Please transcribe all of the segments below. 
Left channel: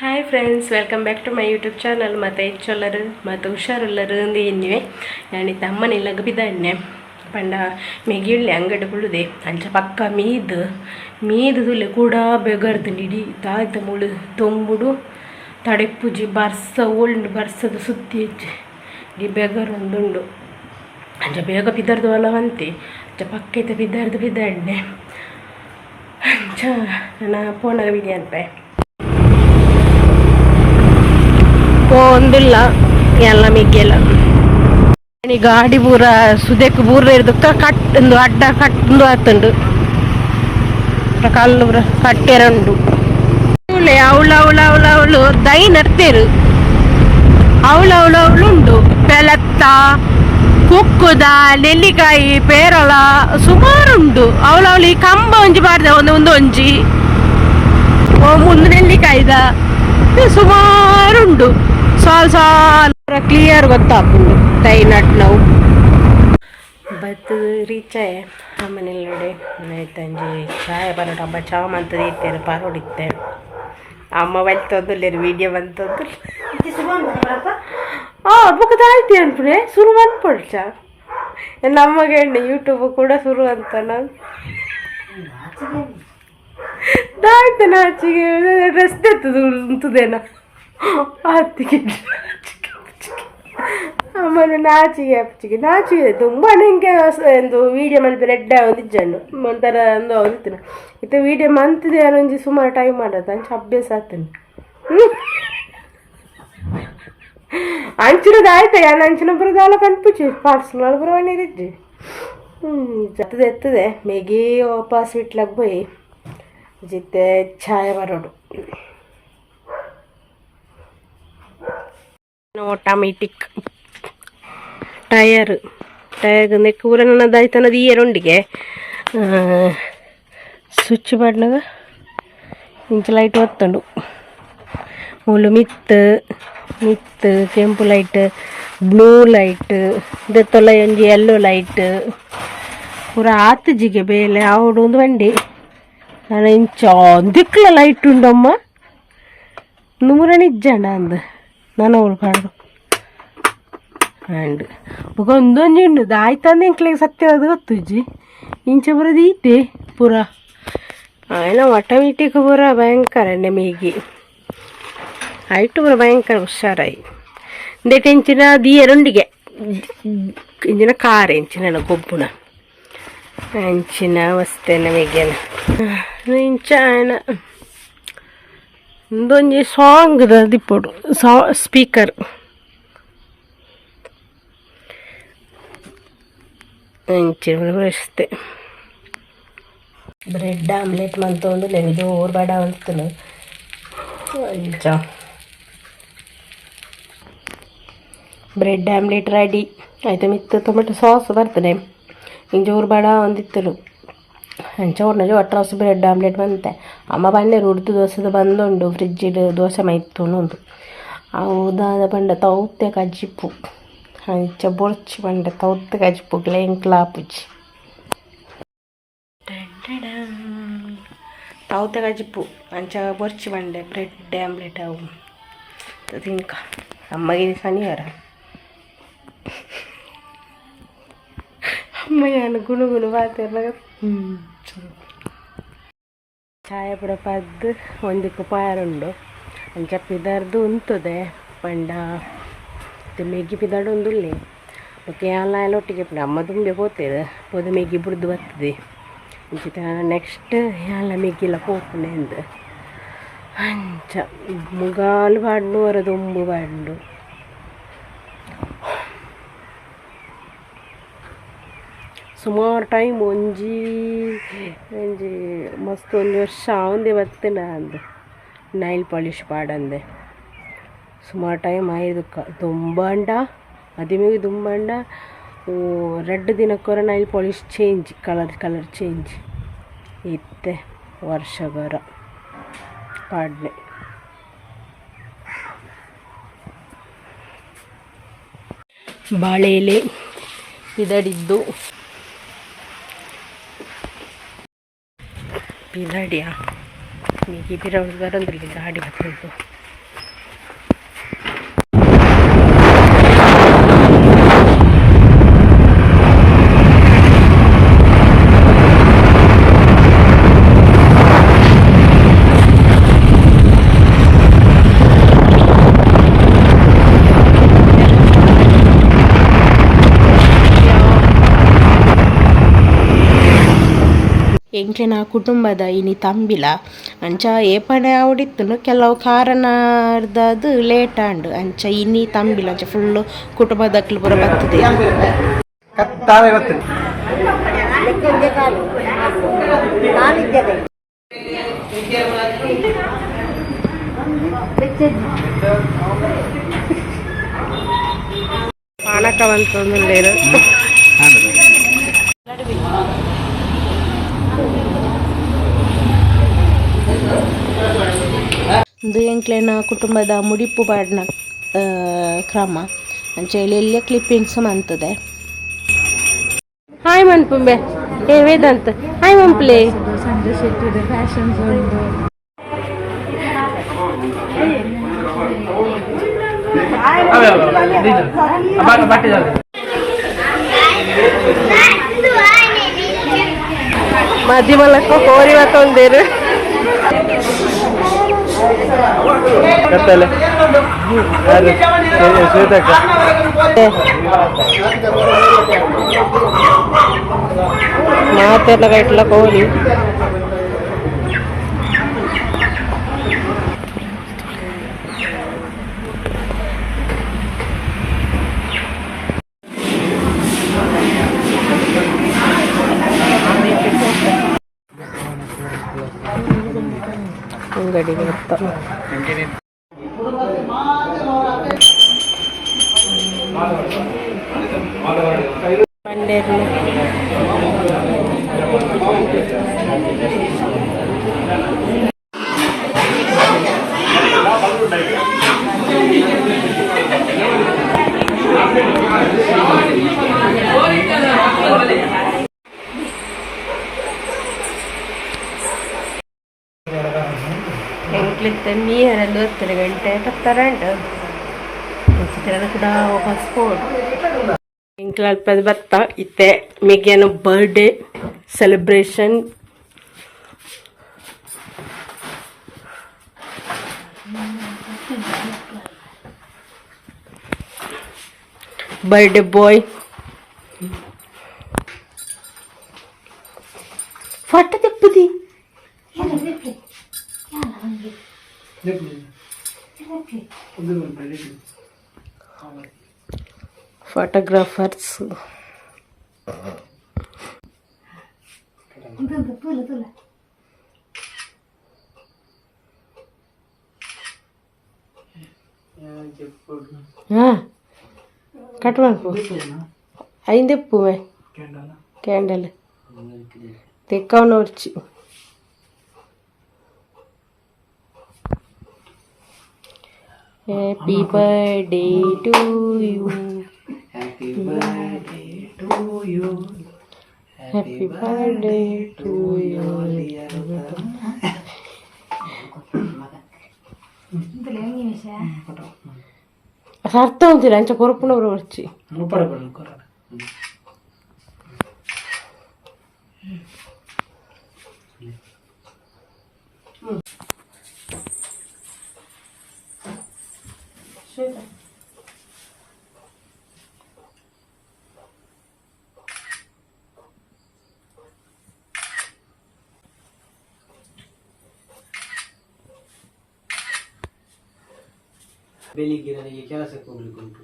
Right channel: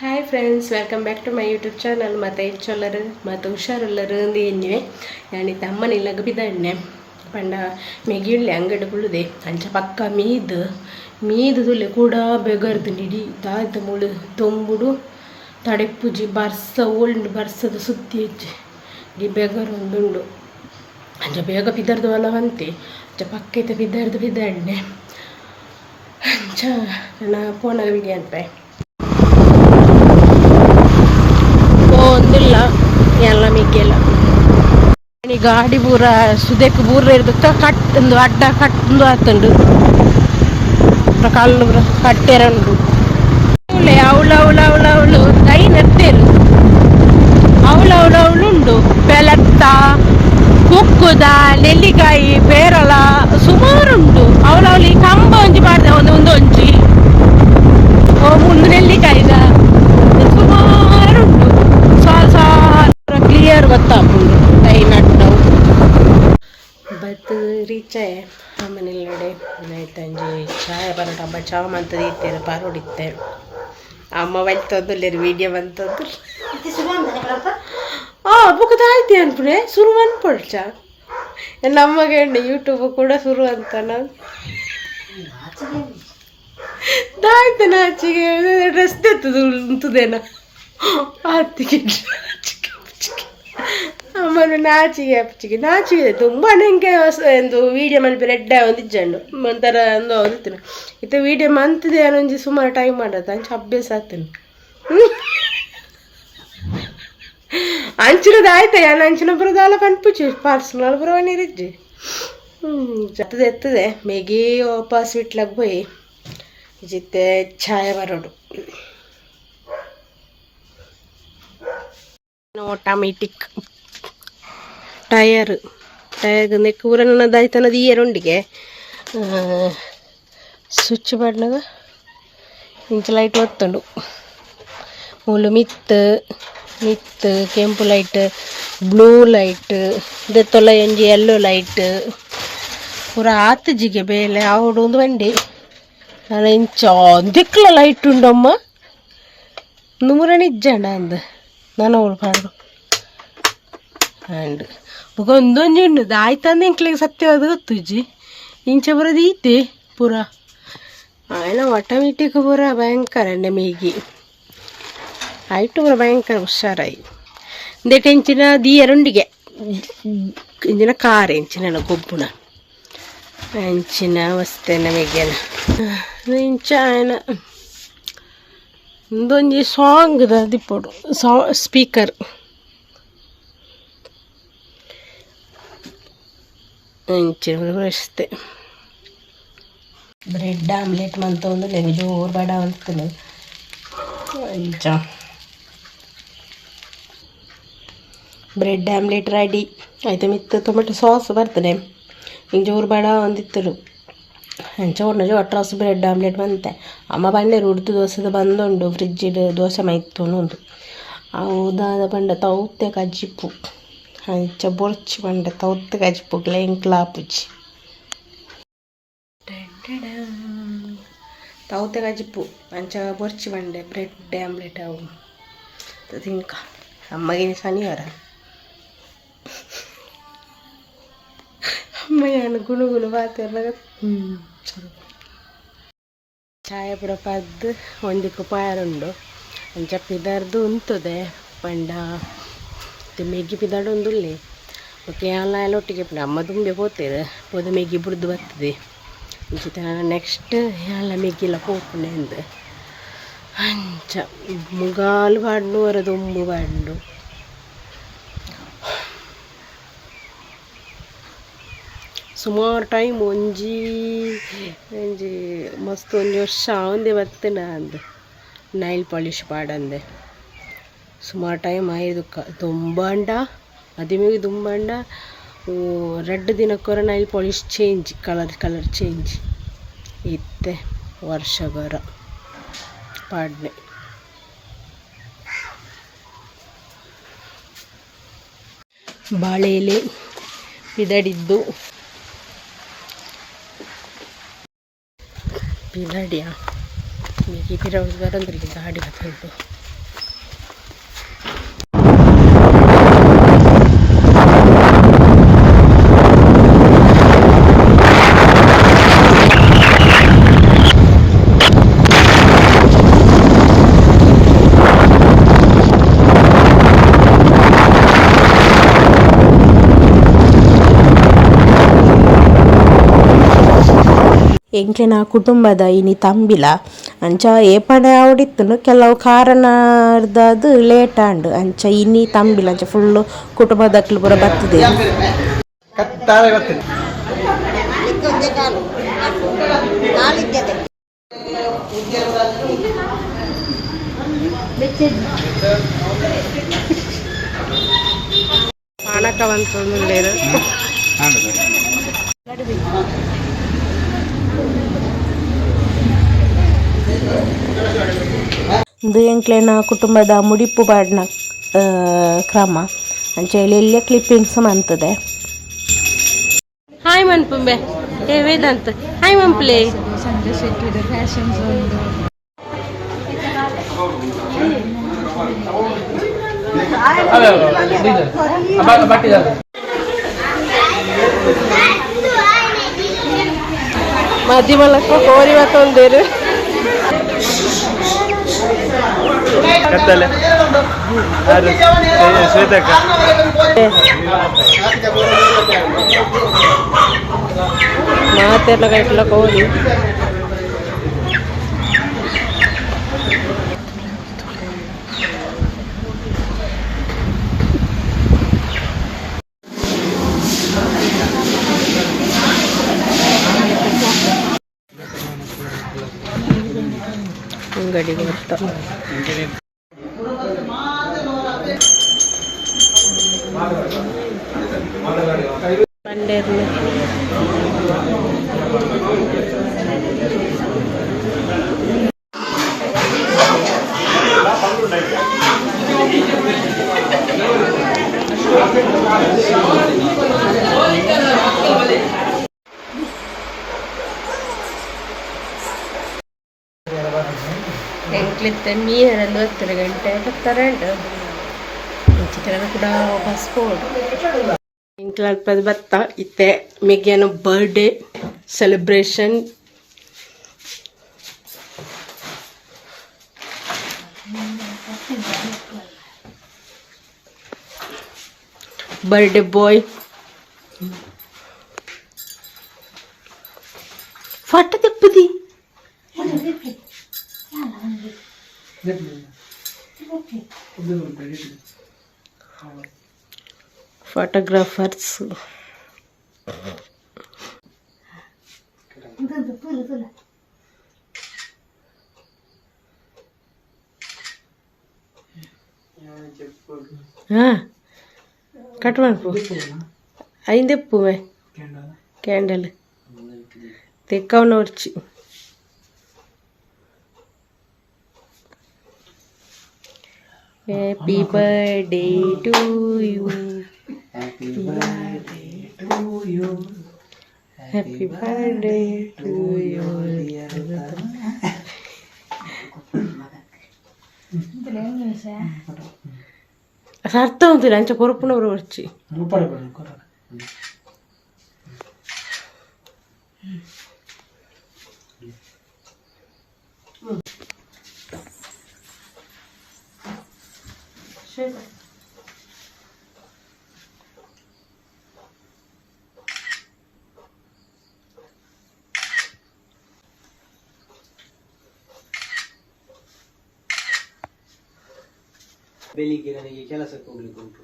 Hi friends, welcome back to my YouTube channel. ಮತ್ತು ಹೆಚ್ಚೊಲ್ಲರು ಮತ್ತು ಹುಷಾರುಲ್ಲರು ಏನಿವೆ ഞാനിത് അമ്മനില്ലങ്ങ് പിതന്നെ പണ്ട മെഗിയുള്ളി ಅಂಗಡಿ ಬುಳುದೆ ಅಂಚ ಪಕ್ಕ ಮೀದು ತುಲೆ ಕೂಡ ಬೆಗರ್ದು ಇಡೀ ತಾಯ್ತ ಮುಳು ತೊಂಬುಡು ತಡೆಪ್ಪುಜಿ ಬರ್ಸ ಓಲ್ಡ್ ಬರ್ಸದ ಸುತ್ತಿ ಈ ಬೆಗರೊಂದುಂಡು ಅಂಚ ಬೇಗ ಪಿದರ್ದು ಅಲವಂತೆ ಅಂಚ ಪಕ್ಕೈತೆ ಪಿದರ್ದು ಅಂಚ ನನ್ನ ಫೋನಾಗ ವಿಡಿಯೋ ಅನ್ಪೆ ಒಂದಿಲ್ಲ ಎಲ್ಲ ಮಿಗ್ಗೆಲ್ಲ ಗಾಡಿ ಪೂರ ಸುದೆಕ್ ಪೂರ ಇರ್ದಕ್ಕ ಕಟ್ಟೊಂದು ಅಡ್ಡ ಕಟ್ಟೊಂದು ಆತುಂಡು ಕಲ್ಲು ಪೂರ ಕಟ್ಟೆರಂಡು ಅವಳು ದೈ ನರ್ತೇರು ಅವಳುಂಡು ಬೆಲತ್ತ ಕುಕ್ಕುದ ನೆಲ್ಲಿಕಾಯಿ ಪೇರಲ ಸುಮಾರುಂಟು ಅವಳು ಈ ಕಂಬ ಒಂಜಿ ಬಾರ್ದೆ ಒಂದೊಂಜಿ ಮುಂದು ನೆಲ್ಲಿಕಾಯಿದ ಸುಮಾರುಂಡು ಸಾಲ ಕ್ಲಿಯರ್ ಗೊತ್ತಾಪುಂಡು ದೈ ನಟ್ ನಾವು ಬತ್ತು ರೀಚಾಯ ಅಮ್ಮನೆಲ್ಲಡೆ ಆಯ್ತಂಜಿ ಚಾಯ ಬರೋಟ ಹಬ್ಬ ಚಾ ಮಂತದ ಇತ್ತೇರು ಪಾರೋಡಿತ್ತೆ ಅಮ್ಮ ಬಲ್ತೊಂದುಲ್ಲೇರು ವಿಡಿಯೋ ಬಂತದ್ದು ಬುಕ್ಕದ ಆಯ್ತು ಅನ್ಪುಡೆ ಶುರು ಅನ್ಪಡ್ಚ ನಮಗೆ ಯೂಟ್ಯೂಬ್ ಕೂಡ ಶುರು ಅಂತ ನಾವು ದಾಯ್ತ ನಾಚಿಗೆ ಡ್ರೆಸ್ ತೆತ್ತದು ಉಂಟುದೇನ ಆತಿಗೆ ಅಮ್ಮನ ನಾಚಿಗೆ ತುಂಬ ನನಗೆ ಒಂದು ವೀಡಿಯೋ ಮಲ್ಪೆ ರೆಡ್ಡ ಒಂದಿಜ್ಜಂಡು ಒಂಥರ ಒಂದು ಓದಿತ್ತಿನ ಇತ್ತು ವೀಡಿಯೋ ಮಂತದೆ ಅನ್ನೊಂಜಿ ಸುಮಾರು ಟೈಮ್ ಮಾಡೋದು ಅಂಚ ಅಭ್ಯಾಸ ಆಗ್ತಾನೆ ಅಂಚಿನದು ಆಯ್ತಾ ಯಾನು ಅಂಚಿನ ಬರೋದಾಲ ಕನ್ಪುಚ್ಚು ಪಾರ್ಸಲ್ ಬರೋವನಿರಿಜ್ಜಿ ಎತ್ತದೆ ಮೇಗಿ ವಾಪಸ್ ಬಿಟ್ಲಾಗ போய் ಜಿತ್ತೆ ಛಾಯ ಬರೋಡು ಆಟೋಮೆಟಿಕ್ ಟಯರ್ ನೆಕ್ ಊರನ್ನದಾಯ್ತನದು ಈ ಎರೊಂಡಿಗೆ ಸ್ವಿಚ್ ಬಣ್ಣಗ ಇಂಚ ಲೈಟ್ ಒತ್ತುಂಡು ಮೂಲು ಮಿತ್ತು ಕೆಂಪು ಲೈಟ್ ಬ್ಲೂ ಲೈಟ್ ಇದೆತ್ತೊಲ್ಲ ಒಂಜಿ ಯೆಲ್ಲೋ ಲೈಟ್ ಪೂರ ಆತಜಿಗೆ ಬೇಲೆ ಅವಡು ಒಂದು ಬಂಡಿ ನಾನು ಇಂಚ ದಿಕ್ಕಲ ಲೈಟ್ ಉಂಡಮ್ಮ ನೂರನಿಜ್ಜಂಡ ಅಂದ ನಾನು ಅವಳು ಪಾಡು ಆ್ಯಂಡ್ ಒಂದೊಂಜಿ ಉಂಡು ಆಯ್ತಂದು ಇಂಕ್ಲಿಗೆ ಸತ್ಯವಾದ ಗೊತ್ತುಜ್ಜಿ ಇಂಚ ಬರೋದು ಈತೆ ಪೂರ ಆಯ್ನ ಆಟೋಮೆಟಿಕ್ ಪೂರ ಭಯಂಕರ ಮೇಗಿ ಆಯ್ತು ಪೂರ ಭಯಂಕರ ಹುಷಾರಾಯಿ ಇಂದೇಟ ಇಂಚಿನ ದೀಯರೊಂಡಿಗೆ ಇಂಚಿನ ಕಾರ್ ಇಂಚಿನ ಗೊಬ್ಬುನ ಅಂಚಿನ ವಸ್ತೇನ ಮೇಗ್ಯನ ಇಂಚ ಆಯ್ನ ಒಂದೊಂಜಿ ಸಾಂಗ್ ದಿಪ್ಪೋಡು ಸ್ಪೀಕರ್ ಇಂಚಿನ ಅಷ್ಟೇ ಬ್ರೆಡ್ ಆಮ್ಲೆಟ್ ಮಂತ ಒಂದು ಜೋರು ಬೇಡ ಅಂತನು ಇಂಚ ಬ್ರೆಡ್ ಆಮ್ಲೆಟ್ ರೆಡಿ ಆಯ್ತು ಮಿತ್ತು ಟೊಮೆಟೊ ಸಾಸ್ ಬರ್ತದೆ ಹಿಂಗೆ ಜೋರು ಬೇಡ ಒಂದಿತ್ತರು ಅಂಚ ಅಟ್ರಾಸ್ ಬ್ರೆಡ್ ಆಮ್ಲೆಟ್ ಬಂತೆ ಅಮ್ಮ ಬಣ್ಣೆ ಉಡ್ದು ದೋಸೆದು ಬಂದುಂಡು ಫ್ರಿಜ್ಜಿಡು ದೋಸೆ ಮೈತು ಉಂಡು ಅವುದಾದ ಬಂಡ ತೌತೆ ಕಜ್ಜಿಪ್ಪು ಅಂಚ ಬೊರ್ಚಿ ಬಂಡ ತೌತೆ ಕಜ್ಜಿಪ್ಪು ಕ್ಲಾಪುಜಿ ತೌತೆ ಕಜ್ಜಿಪ್ಪು ಅಂಚ ಬೊರ್ಚಿ ಬಂಡೆ ಬ್ರೆಡ್ ಆಮ್ಲೆಟ್ ಅವು ತಿನ್ಕ ಅಮ್ಮಗಿನ ಶನಿವಾರ ಅಮ್ಮ ಏನು ಗುಣುಗುಣು ಬಾತಿರ್ಲಾಗ ಚಾಯ ಪುರ ಪದ್ದು ಒಂದಕ್ಕೆ ಪಾರುಂಡು ಅಂಚ ಪಿದರ್ದು ಉಂತದೆ ಪಂಡ ಮೆಗ್ಗಿ ಪಿದಾಡು ಒಂದುಲ್ಲೆ ಮತ್ತೆ ಎಲ್ಲ ಒಟ್ಟಿಗೆ ಅಮ್ಮ ತುಂಬೆ ಹೋಗ್ತೇವೆ ಪೋದ ಮೆಗ್ಗಿ ಬುಡ್ದು ಬರ್ತದೆ ಇಂಚಿತ ನೆಕ್ಸ್ಟ್ ಎಲ್ಲ ಮೆಗ್ಗಿಲ್ಲ ಹೋಗ್ಕೊಂಡೆ ಅಂದ ಅಂಚ ಮುಗಾಲು ಬಾಡ್ನು ವರ ದೊಂಬು ಬಾಡ್ನು ಸುಮಾರು ಟೈಮ್ ಒಂಜಿ ಮಸ್ತ್ ಒಂದು ವರ್ಷ ಅವಂದೆ ಬರ್ತೇನ ಅಂದ ನೈಲ್ ಪಾಲಿಶ್ ಪಾಡಂದೆ ಸುಮಾರು ಟೈಮ್ ಆಯ್ದುಕ್ಕ ತುಂಬಂಡ ಮದುವೆಗೆ ತುಂಬಂಡ ರೆಡ್ ದಿನಕ್ಕೊರ nail polish change colour change ಇತ್ತೆ ವರ್ಷಗರ ಪಾಡ್ನೆ ಬಾಳೆ ಎಲೆ ಇದಡಿದ್ದು ಪಿಲಾಡಿಯಾ ಪಿರ ಬರಂದ್ರಲ್ಲಿ ಗಾಡಿ ಹತ್ತುಂಟು ಎಂಕ್ಲೆನ ಕುಟುಂಬದ ಇನಿ ತಂಬಿಲ ಅಂಚ ಏಪಡ ಅವಡಿತ್ತುಂಡು ಕೆಲವು ಕಾರಣದದು ಲೇಟ್ ಆಂಡ್ ಅಂಚ ಇನಿ ತಂಬಿಲ ಅಂಚ ಫುಲ್ಲು ಕುಟುಂಬದಕ್ಲು ಪೂರ ಬರ್ತದೆ. ಪಾನಕವಂತಂದುಲ್ಲೇರು ಇದು ಎಂಕ್ಲೆನ ಕುಟುಂಬದ ಮುಡಿಪು ಪಾಡ್ನ ಕ್ರಮ ಅಂಚ ಎಲ್ಲ ಕ್ಲಿಪ್ಪಿಂಗ್ಸ್ ಮಂತದೆ. ಹಾಯ್ ಮನ್ಪುಂಬೆ ಏ ವೇದಾಂತ್ ಹಾಯ್ ಮಂಪ್ಲೆ ಸಂಜೆ ಶೆಟ್ಟಿದೆ ಫ್ಯಾಷನ್ ಮಧ್ಯಮಲಕ್ಕ ಕೋರಿ ಮತ್ತೊಂದೇರು ಮಾತೆಲ್ಲ ಕಟ್ಲ ಕೋರಿ ಅಂಗಡಿ ಬರ್ತಾ ಬಂಡೇರ್ನ ಎಂಕ್ಲಿತ್ತ ಮೀರಲ್ಲಿ 12 ಗಂಟೆ 12 ಚಿತ್ರನ ಕೂಡ ವಾಪಸ್ ಹೋಡು ಎಂಕ್ಲ ಅಲ್ಪದ ಬತ್ತ ಇತ್ತೆ ಮೆಗ್ಯಾನ ಬರ್ಡೇ ಸೆಲೆಬ್ರೇಷನ್ ಬರ್ಡೇ ಬಾಯ್ ಫಾಟ ತೆಪ್ಪದಿ ಫೋಟೋಗ್ರಾಫರ್ಸ್ ಕಟ್ ಮಾಡ್ಕೊ ಐದೆಪ್ಪು ಕ್ಯಾಂಡಲ್ ತೆಕ್ಕವನ್ನ ಹೊರ್ಚಿ Happy birthday to you. Happy birthday to you. Happy birthday to you. ಅರ್ಥ ಅಂತಿಲ್ಲ ಅಂಚ ಕೊರಪುನವರು ಬರ್ಚಿ ಬೆಳಿಗ್ಗೆ ನನಗೆ ಕೆಲಸಕ್ಕೆ ಹೋಗ್ಲಿಕ್ಕೆ ಉಂಟು.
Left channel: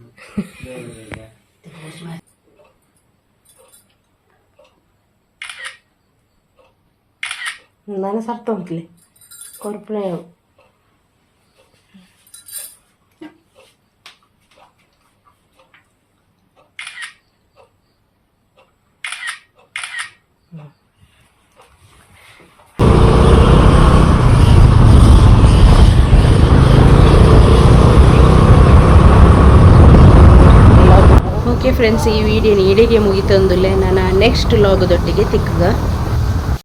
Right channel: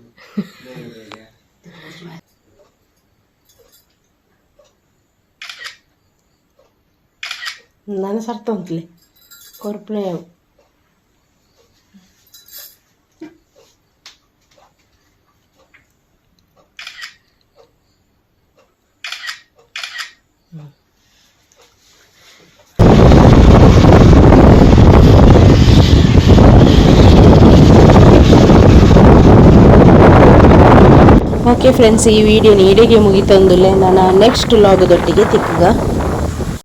ನಾನು ಸರ್ತ ಉಂಟ್ಲೆ ಕೊರಪಣೆ ಓಕೆ ಫ್ರೆಂಡ್ಸ್, ಈ ವಿಡಿಯೋ ನೀಡಿಗೆ ಮುಗಿತಂದುಲ್ಲೆ ನಾನು ನೆಕ್ಸ್ಟ್ ಲಾಗದೊಟ್ಟಿಗೆ ತಿಕ್ಕಗ